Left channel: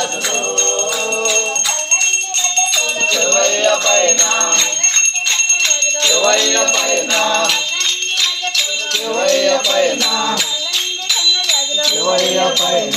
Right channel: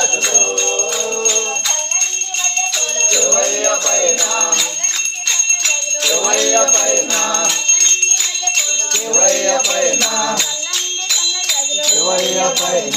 జాతులు శివయ్య పైన శివయ్య పైన శివయ్య పైన శివయ్య పైన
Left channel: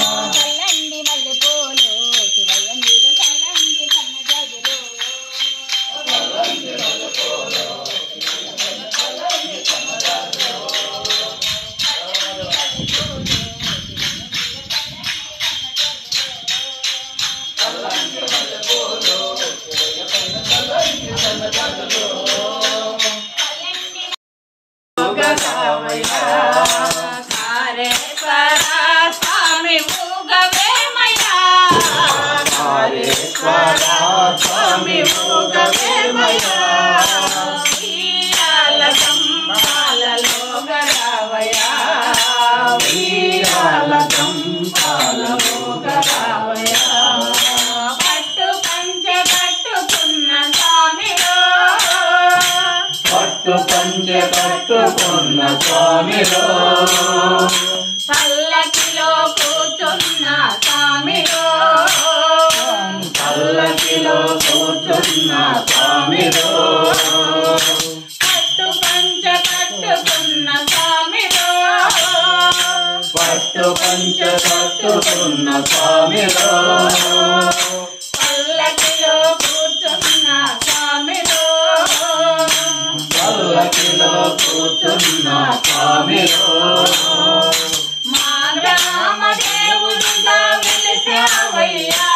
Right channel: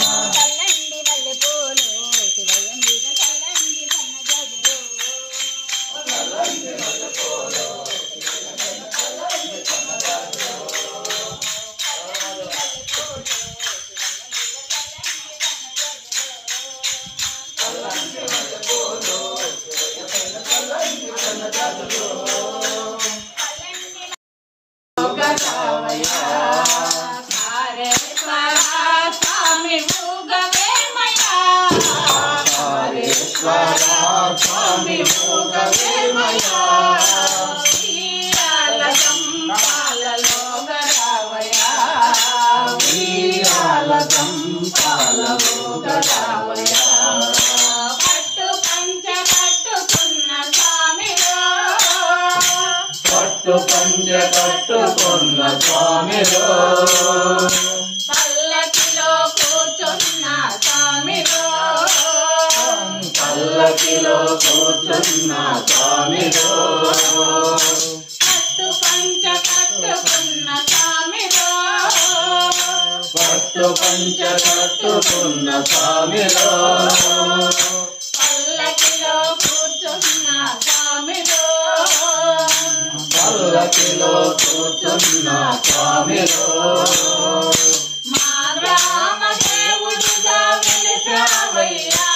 స్వామి భోగవేమయా వీరాల చంపాలలో గరావయా వీరాల చంపాలలో గరావయా పట్టు పంచ కట్టుకున్న స్వామిలో పట్టు పంచ కట్టుకున్న స్వామిలో పల్లకిలో కూర్చున్న స్వామిలో పల్లకిలో కూర్చున్న స్వామిలో పట్టు పంచ కట్టుకున్న స్వామిలో పట్టు పంచ కట్టుకున్న స్వామిలో పల్లకిలో కూర్చున్న స్వామిలో పల్లకిలో కూర్చున్న స్వామిలో మా గ్రామ దేవుడుగా వెలిసావయ్యా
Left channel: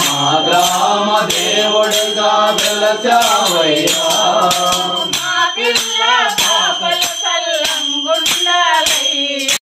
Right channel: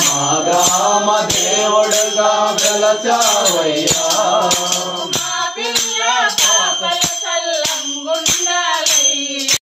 మా గ్రామ దేవుడుగా వెలసావయ్యా